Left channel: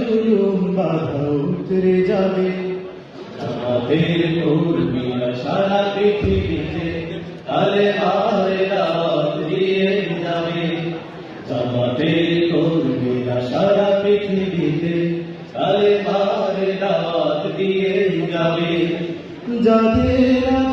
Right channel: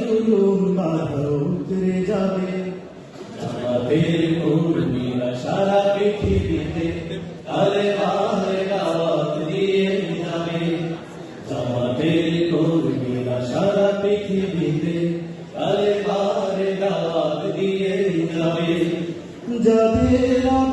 জুলুম বাধা উতরে যাবে জামাতের কর্মীরা সারা পৃথিবীতে তালে আর দাওয়াত দিয়ে যাবে জামাতের কর্মীরা সারা পৃথিবীতে তালে আর দাওয়াত দিয়ে যাবে যাদের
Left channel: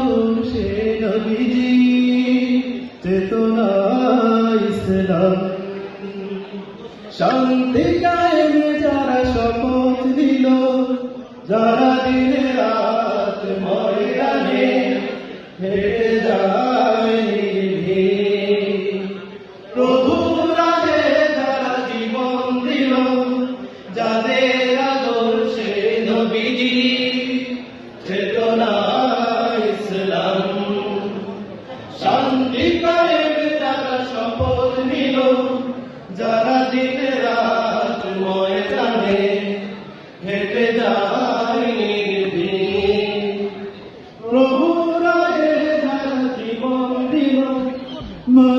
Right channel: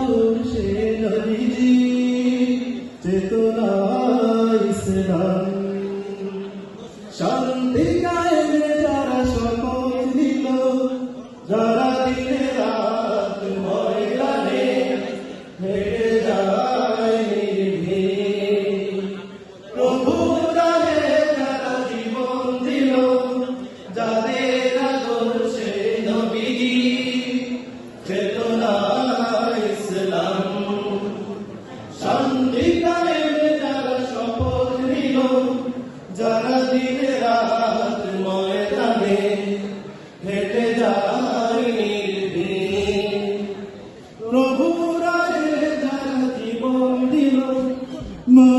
My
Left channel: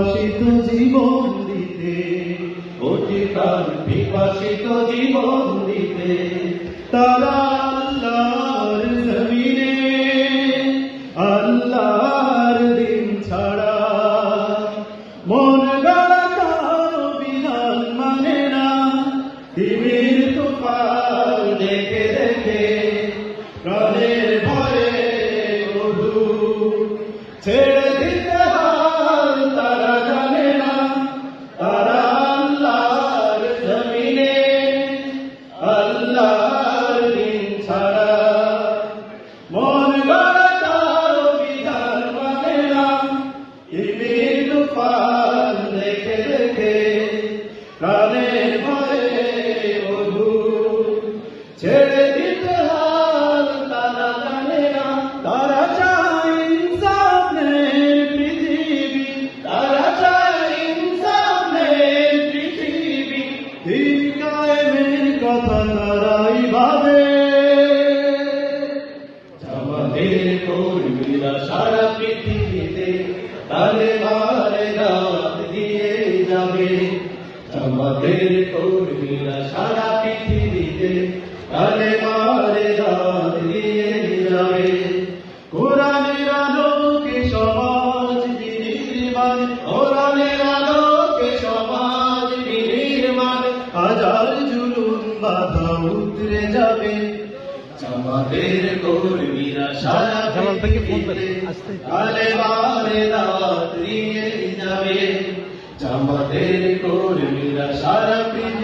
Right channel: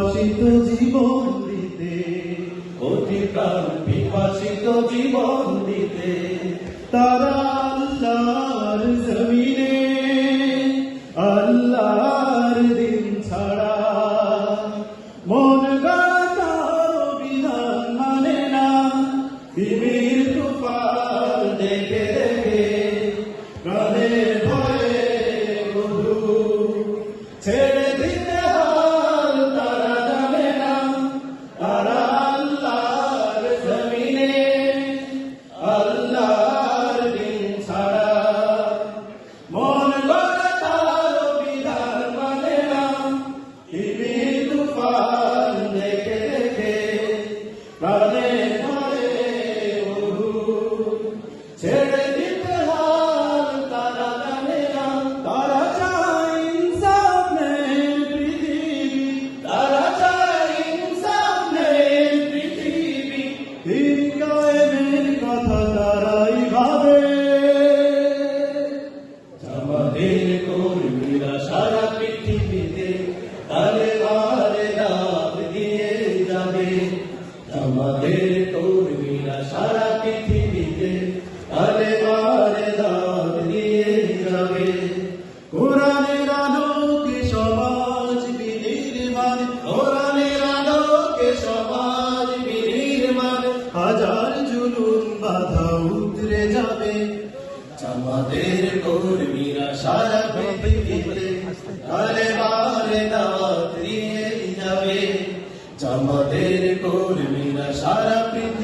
বিপাসিত জীবন দিতে ওটি কাল বিপাসিত জীবন দিতে, তারা আল্লাহর জমিনে, আল্লাহর দিন ছাড়া মন গাতা বিলাল মানে না। কর্মীরা সারা পৃথিবীতে, তালে মারে দাঁত নিয়ে যাবে কোরআনের আলোকে সমাজ বিনির্মাণ, কোরআনের আলোকে সারা পৃথিবী সারা পৃথিবী